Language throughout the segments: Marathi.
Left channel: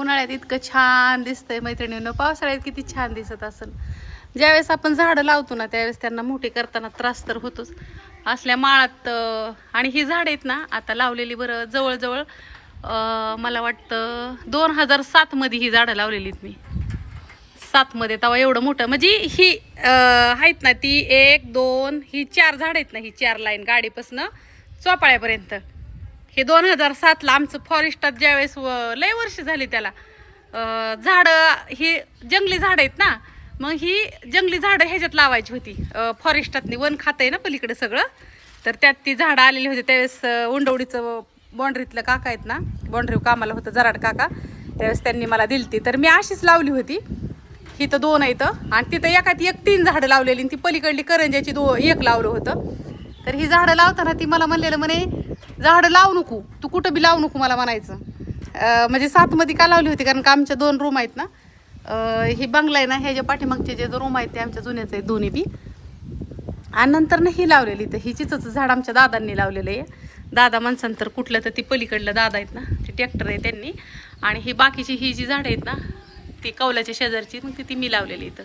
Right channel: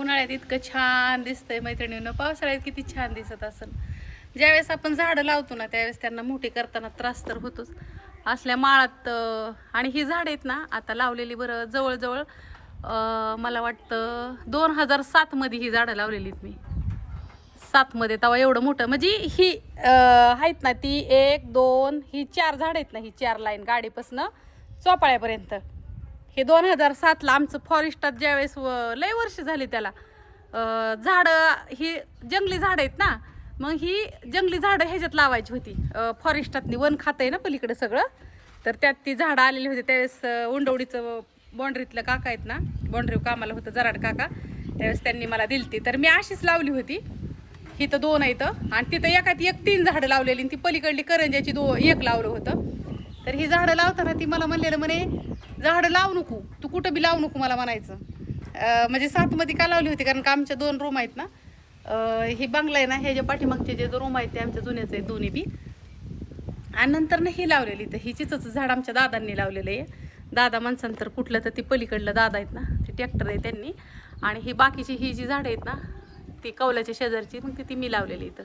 उन्हाळ्यात इतकं छान दिसतंय मैत्रिणींनो, पावसाळ्यात किती छान दिसत असेल. ज्यावेळेस आपण झाडं लावतो ना त्यावेळेस त्यांना मोठी करताना त्रास तर होतोच. असल्या माळात आणि ही झाड आहेत ना आता लावलेली बरं जवळजवळ मला वाटतं 2007 मध्ये ही झाडं लावलेलीत मी. 7 मध्ये तेव्हा एवढं मोठं म्हणजे ही आहेत ना ती 1 2 ही 4 झाड आहेत ना, ही 4 लाईन गाडीपासून चोपाळ्यापर्यंत. हे 2007ला आमचं फॉरेस्टात ज्यावेळेस लय वर्ष झाली त्याला झाडं ही जंगली झाडं आहेत ना, मग ही जंगली झाडं ह्याच्यात लावायची होती. फॉरेस्टातनी वन खातं आहे ना पलीकडे सगळं, तर त्यात ती झाडं आलेली होती. त्यावेळेस उंडवडीचं बाँड्रीतलं काका आहेत ना, बाँड्री कामाला होतं जराड काका, त्यावेळेस त्यांनी मला दिलती. तर मी अशीच लावली होती. इथं 2 आहेत आणि तिथं एकात 3 झाडं लावलेली, ती पलीकडली करंजाची 1 लावलं होतं. तर ही झाडं लावताना ती मला म्हणलेलं म्हणे झाडं लावू नको, तू कुठं बी लावू नको मला म्हणायचं. म्हणजे 7 मध्ये का लावली होती कारण का आमच्या 2 रूम आहेत ना, ही बंगला आहे ना, ह्याच्या पाठीमागचे जे रूम आहेत ते आमच्या जुन्याच आहेत दोन्ही बी. आणि नंतर ना ही लावलेली, तर ही चिचचं झाड आमच्या दादांनी लावलेलं आहे. दादा माणसांतर कुठलं तर ती पलीकडलं दादा आहेत ना, ते ट्रॅक्टर आहे त्यांनी. आणि ही बाकीची ही जी झाडं आहेत ना ती कौलाच्या शेजारची, मग ती मी लावलेली इथं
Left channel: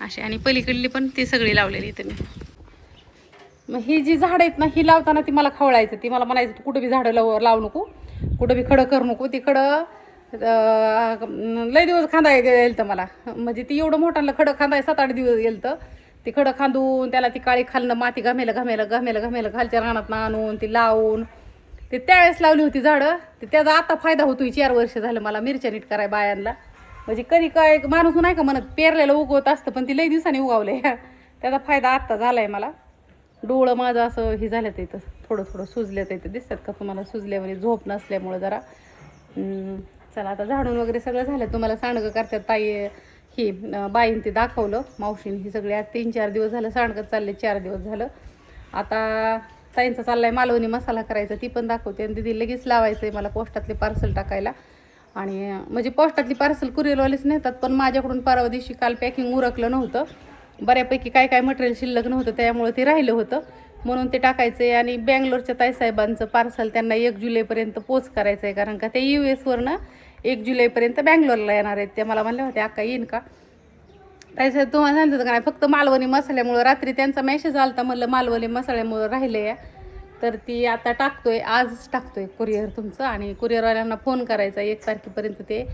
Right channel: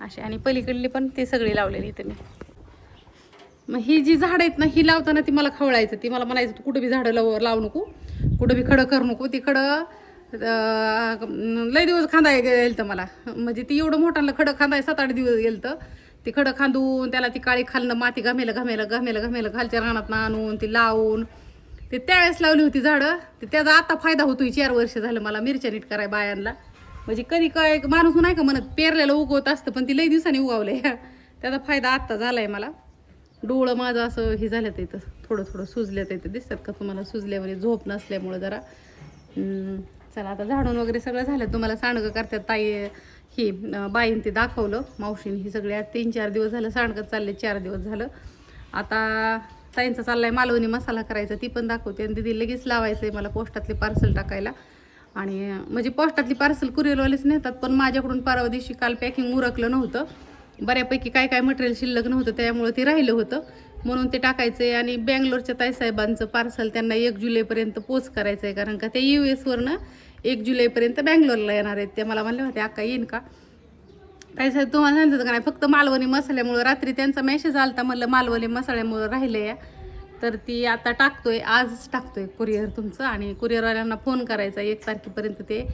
अशी. आणि पलीकडली पण ती सगळी लावलेली इथं मी. मग ही जी झाडं आहेत ना ही लावताना ती मला खवळायचं, ती मला म्हणायचं तू कुठं बी झाडं लावू नको, कुठं बी खडं करू नको. ती खडं लय दिवस खांदाय गेलं तर मला, म्हणजे ती एवढं मोठ्यानं खडं खांदाय 7-8 दिवस गेलं तर. ती खडं खांदून त्याला ती काळी खालनं माती घमेलं खालच्या रानात आणून ती लावून ते त्यावेळेस लावली होती झाडं. ते त्याचा आता फायदा होतोय. 4 वर्ष झालं मला मिरच्या नीट कराय बायांना. म्हणजे कधी काय माणूस नाही का म्हणत पेरलेलं उगवत असतं, पण ती लई दिवसांनी उगवलंय. त्याचा फायदा आत्ता झालाय मला. डोळं माझं असं हे झालं तर इथं थोडं सुजलं तर इथं दिसतात का तुम्हाला, सुजल्यामध्ये झोप नसल्यामुळं जरा. चला आता झाडून वगैरे सगळं झालं. तुम्हाला सांडगं करतात ताई ही बाईन ते दाखवलं मावशीने. ही सगळी आज 3-4 दिवस झालं सांडगं चालले, 4 दिवस झालं. आता ताईंचा चाललाय मालवणी मसाला करायचा, ती पण दाखवते. आणि दिदी लगेच लावायचं आहे मला पोस्टातले पार्सल टाकायला. आणि म्हणजे पोस्टातली पार्सल कुरिअरवालेच नेतात, पण माझ्याकडून परवा दिवशी काल पॅकिंग उरकलं नव्हतं, बऱ्यापैकी काय मटेरियल शिल्लक नव्हतं, त्यामुळे ते राहिलं होतं म्हणून ते टाकायचं आहे. आणि बँगलोरच्या ताईसाहेबांचं पार्सल त्यांना 1 जुलैपर्यंत पोच करायचं आहे, कारण का ते US वरनं 1 जुलैपर्यंत बँगलोरला येणार आहेत. ते मला म्हणले होते अक्का येईन का ताईसाहेब, तुम्हाला सांगतं का नाही फक्त मालवणी मसाल्यामुळं. रात्री त्यांचा मेसेज आलता, म्हणलं मालवणी मसाल्यामुळं राहिले आहे, तर ती आता टाकतोय, आजच टाकतोय कुरिअर तुमचं. आणि कुरिअरवाल्यांना फोन करायचा 1 तारखेपर्यंत ते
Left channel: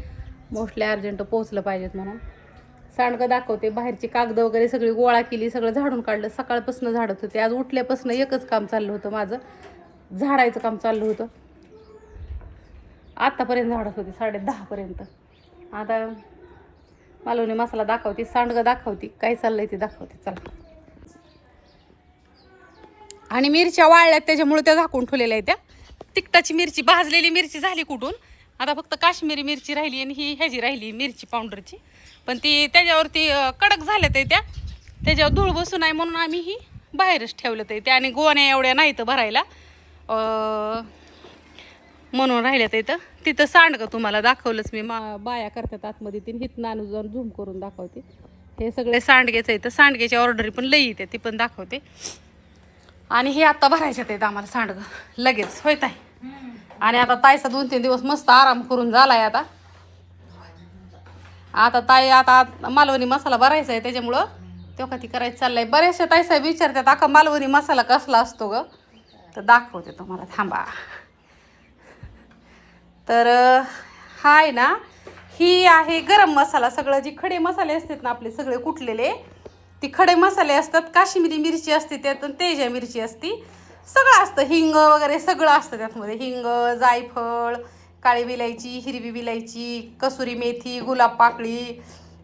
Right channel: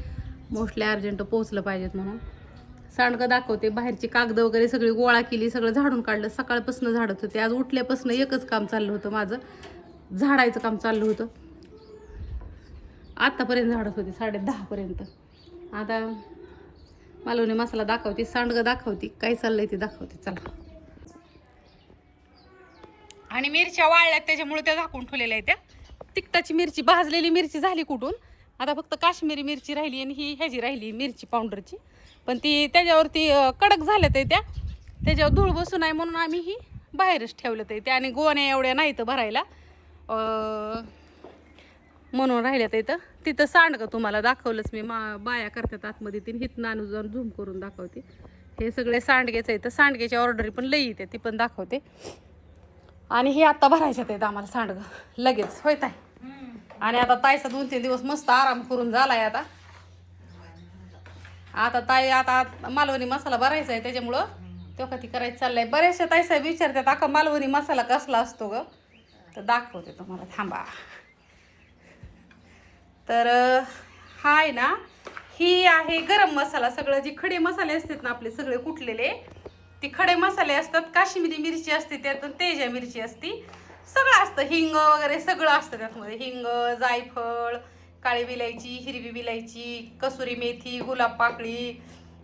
मोस्टली अर्जंट पोहोचलं पाहिजेत म्हणून. सांडगं दाखवते. बाहेरची कागद वगैरे सगळी गोळा केली, सगळं झाडून काढलं. सकाळपासून झाडत होते. आज उठल्यापासून एकच काम चाललं होतं माझं, झाडायचं काम चाललं होतं. आत्तापर्यंत झाडत होते 10:30 पर्यंत. आता मालवणी मसाला दाखवते, सांडगं दाखवते, काय चाललंय ते दाखवते. चला. आणि मिरच्या वाळल्यात त्याच्यामुळे त्या झाकून ठेवलेल्या आहेत. त्या तिखटाची मिरची, भाजलेली मिरची झाली कुठून, आता फक्त काश्मीरी मिरची राहिली आणि ही ह्याची राहिली मिरची पावडरची. पण ती त्याच्यावरती कडक झाल्यात त्या, त्याच्यावर धूळ बसू नये म्हणून आम्ही ही बाहेरच ठेवलं ते. त्या आणि गोण्या एवढ्या नाही तर भरायला म्हणून राहिल्यात इथं. तिथं सांडगं तुम्हाला दाखवलंच मी, बाया करतात आतमध्ये. ती हिथं आणून जाऊन झूम करून दाखवते. हे सगळे सांडगेच आहे, तर सांडगेची ऑर्डर पण लई येते, ती पण दाखवते. आणि हे आता भरायच्यात आहेत आम्हाला सांडगं लगेच, होय ताई. आणि आता ताईचा 2-3 दिवस मस्त आराम करून झालाय. आता ताई आता मालवणी मसाला भरायचा आहे, त्याच्यामुळं तो का ती करायचं चाललंय. बरेचसे ताईसाहेब विचारतात अका मालवणी मसाला कसला असतो ग, तर दाखवते तुम्हाला, थांबा. तर हा आहे ना, ही आहे गरम मसाला. सगळं जे खडे मसाले असतात ना आपले सगळे कुटलेले, ती खडे मसाले असतात. काश्मीरी मिरची असते त्यात, तेजा मिरची असती, सगळं असतं. हिंग वगैरे सगळं असतं त्यातमध्ये. हिंग, जायफळ, काळी विलायची, हिरवी विलायची, कसुरी मेथी, गुलाब पाकळी.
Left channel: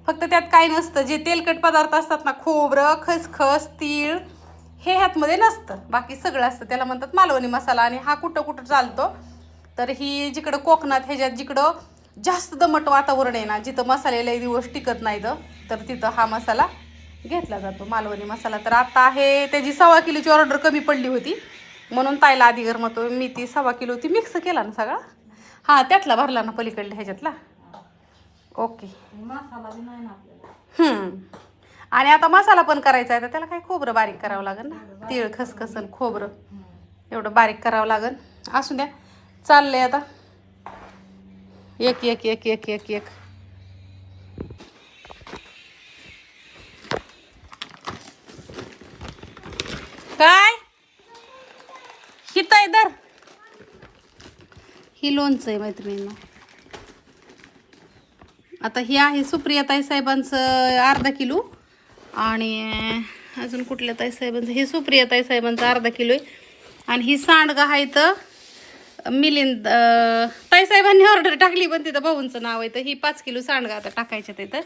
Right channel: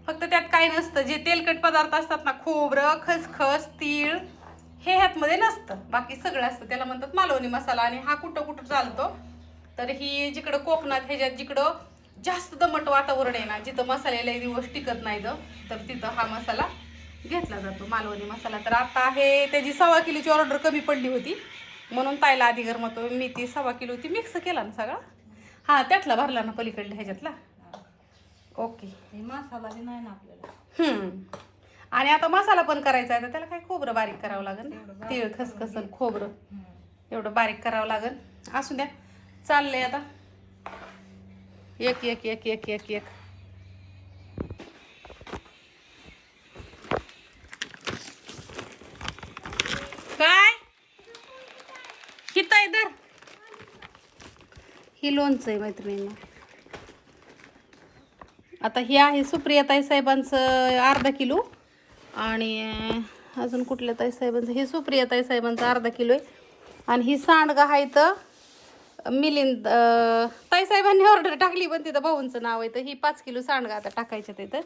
फक्त त्यात काय नसतं, जे तेलकट पदार्थ असतात ना, खोबरं, खसखस, तीळ, हे ह्यातमध्ये नसतं. बाकी सगळं असतं. त्याला म्हणतात मालवणी मसाला. आणि हा कुठं चालतो, तर ही जिकडं कोकणात ह्याच्यात जिकडं जास्त दमट वातावरण आहे ना, जिथं मसाले लई दिवस टिकत नाही तर तिथं हा मसाला घेतला जातो, मालवणी मसाला. तर आता आहे त्याची 1.25 किलोची ऑर्डर कमी पडली होती म्हणून ताईला आधी गरमतो मी ती 1.25 किलोची मिक्स केला ना सगळा. हां, त्यातला भरला ना पलीकडल्या ह्याच्यातला. ओके. मसाला बी नाही ना आपल्याला. आणि आता मसाला पण करायचा आहे, तर त्याला काय खोबरं बारीक करावं लागेल ना, तीळ, खसखस आणि खोबरं एवढं बारीक करावं लागेल. असू द्या, चाललंय आता. एक एक एक एक एक एक काय किती दर ही लोणचं आहे मैत्रिणींना. आता ही आहे सुप्रिया ताई साहेबांचं अर्धा किलो आणि अजून कुठल्या ताई साहेबांचं, हे सुप्रिया ताई साहेबांचं अर्धा किलो आहे. आणि ही सांडगा आहे तर मिलिंद ताई साहेबांनी ऑर्डर टाकली पण तिथं भाऊंचं नाव आहे तर ही 5 किलो सांडगा आता टाकायच्या तिथं.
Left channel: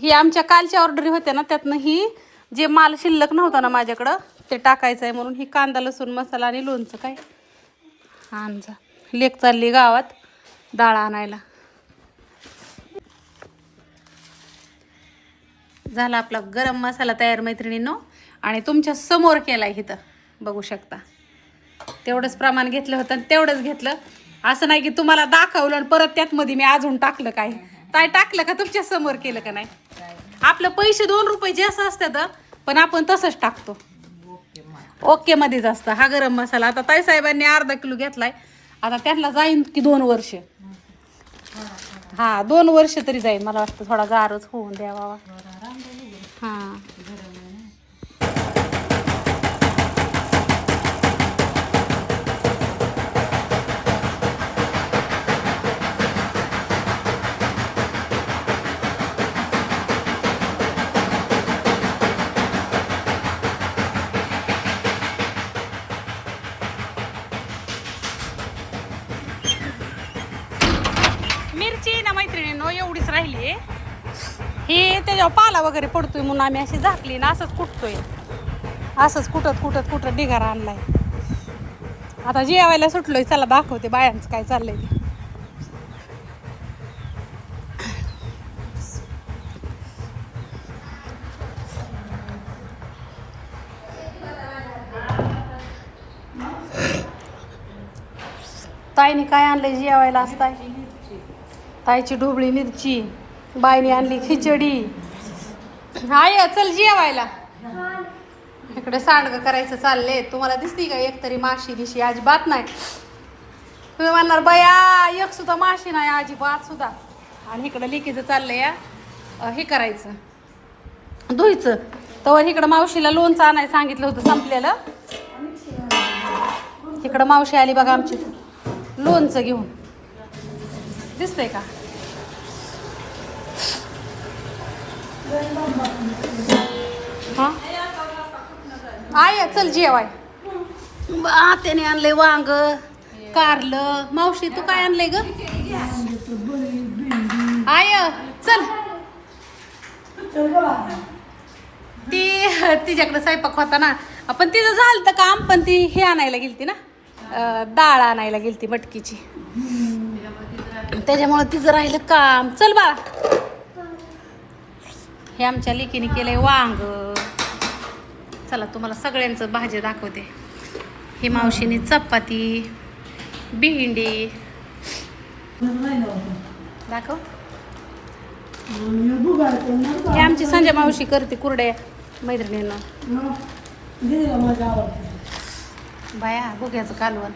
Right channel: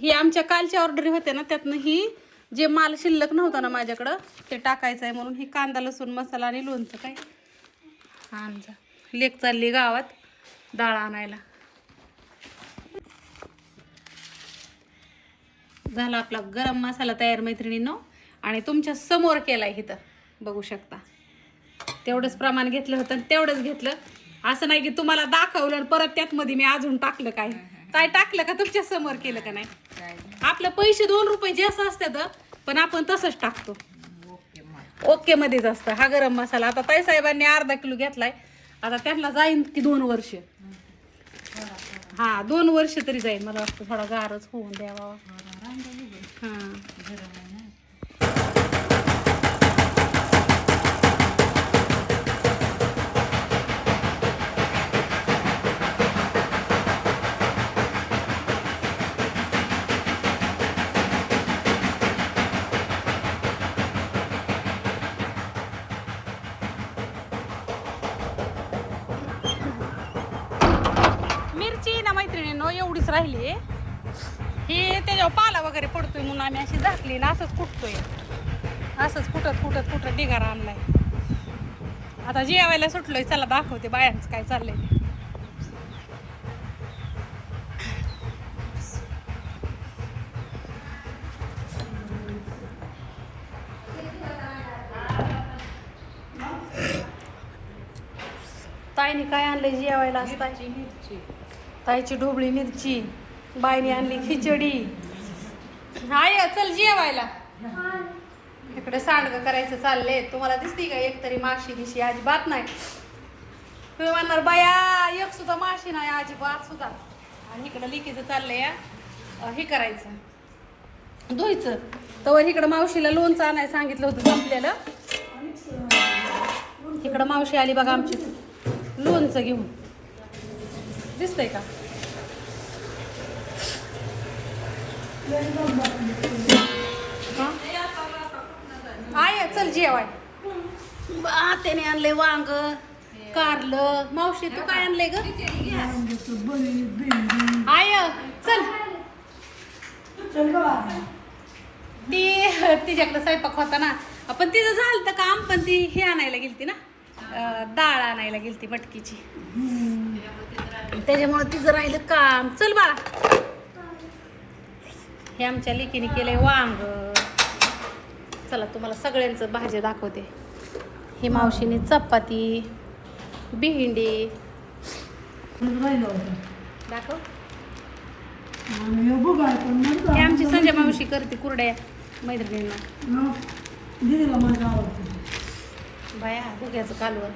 ही आमच्या कालच्या ऑर्डरी होत्या ना त्यातनं ही जे माल शिल्लक नव्हता ना माझ्याकडं ते टाकायचं आहे म्हणून ही कांदा लसूण मसाला आणि लोणचं काय आणजा. लेक चालली गावात डाळ आणायला. झाला आपला गरम मसाला तयार मैत्रिणींनो आणि तुमच्या समोर केला आहे इथं बघू शकता. तेवढंच प्रमाण घेतलं होतं आणि तेवढंच घेतलं. असं नाही की तुम्हाला दाखवलं आणि परत त्यात मध्ये मी अजून टाकलं काय टाकलं का तुमच्या समोर केलं का नाही. आपलं पैसे 2 रुपये जे असं असतात पण आपण तसंच टाकतो. ओके मध्येच असतं हा गरम मसाला. आता ताई साहेबांनी अर्धा किलो घेतलाय. आता त्यांना जाईन की 2 वर्ष. हा 2 वर्ष तरी जाईल मला वाटतं. थोडा गारच होऊन द्यावा. हां मिरची ना मैत्रिणींनो एवढीच राहिली आहे. हे त्याच्यावर पाला वगैरे पडतोय म्हणून आम्ही अशी झाकली ना असंच कुटतोय. असंच कुटत ढिगारा आणलाय. आता जेवायला सुटलोय चला दाखवते बायांचं काय चाललंय ते. ताईने काय आणलंय जेवायला आज ताईची ढोबळी मिरची, बाईने आणली खिचडी. हाय चल जेवायला. इकडे सांडगं करायचं चाललंय. तुम्हाला दिसती का एकतरी माशी बिशी? अजिबात नाही. तुम्ही म्हणणार बाया एक सुद्धा माशी नाही अजिबात सुद्धा. आणि इकडं लिकीचं चाललंय हे करायचं धुईचं. तर इकडं मावशीला लोणचं आणायला सांगितलं होतं संपलेलं. इकडं मावशी आली बघा आमची लोणचं घेऊन. दिसतंय का? हा आय चल जेवाय. त्याने आणलंय वांग कारलं. मावशी तू काय आणलंय ग? आय चल. ती तिच्याकडे स्वयंपाक होता ना आपण तिचं झालं तर काम पण ती हे आणायला गेलती ना डाळ आणायला गेलती मटकीची. त्याच्यामुळे तिचं राहिलं काम. चल बाळा. हे आमच्या लेकीने केलंय वांग. चला तुम्हाला सगळ्यांचं भाजी दाखवते. ही मावशीने चपाती भेंडी दाखव. हे आमची संजय मावशी करते कुरड्या मैत्रिणींना. बाया भुग्याचं कालवण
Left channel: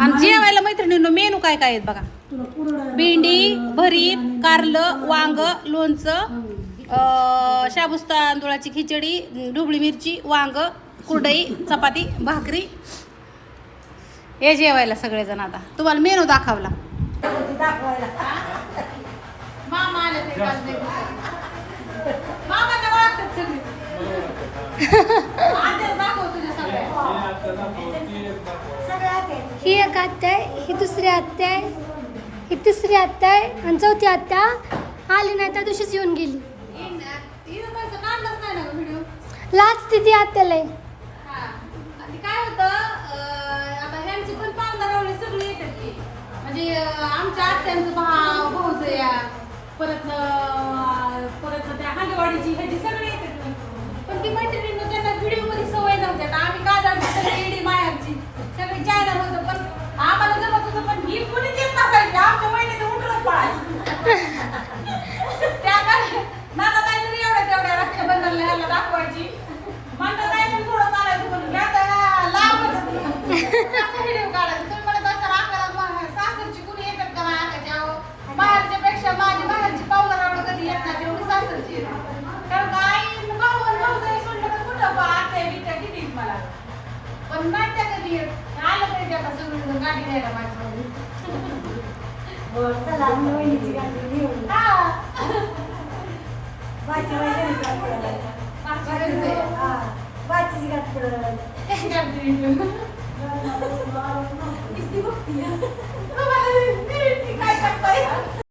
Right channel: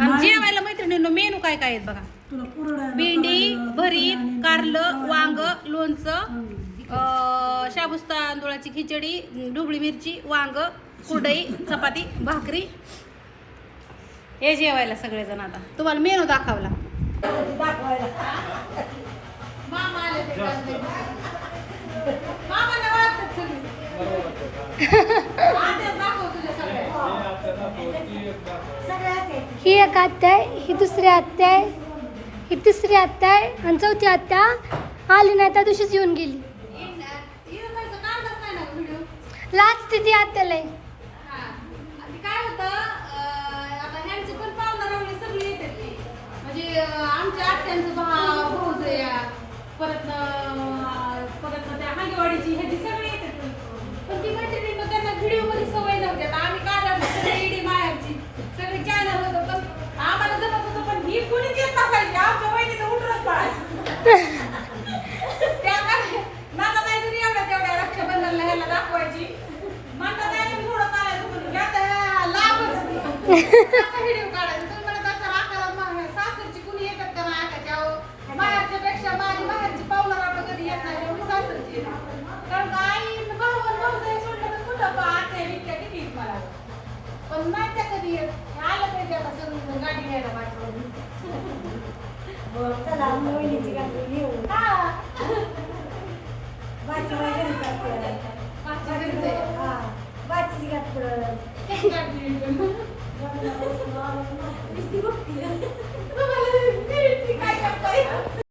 आणि जेवायला मैत्रिणींनो मेनू काय काय आहेत बघा. भेंडी भरीत कारलं वांग लोणचं शाबूस तांदूळाची खिचडी ढोबळी मिरची वांग कुरडई चपाती भाकरी. हे जेवायला सगळेजण. आता तुम्हाला मेनू दाखवला. मामा आले ते ही एक आत्या आहे, ही दुसरी आत्या आहे, ही तिसरी आत्या आहे आणि चौथी आत्या आली नाही त्या दिवशीच येऊन गेली. लाच ती आत्याला आहे. काय होतं आता ह्यांची पण पाहुणारावळी सगळी येतात की म्हणजे आमच्या आत्यांचं भाऊचं या परत त्या हांगेवाडीची ह्याची सगळी येतात. पण ती मैत्रिणींना त्यांना व्हिडिओ मध्ये सवय नव्हते. आम्ही काय ईडी मायाची सगळी चॅनल होतं पण आम्हाला जमत होतं पण ही कोणी देत नसायची. आमच्या वहिनी उठलं पळायची. त्या मला काहीतरी तेवढ्या रक्षाबंधनला ह्याला दाखवायची. म्हणलं काय पण थोडं चालायचं म्हणून व्हिडिओ काढायचं. तुम्ही मला त्याचा राग सासरची कुणी गाडी द्यायला माझ्याकडे. माझ्या घरी जायचं.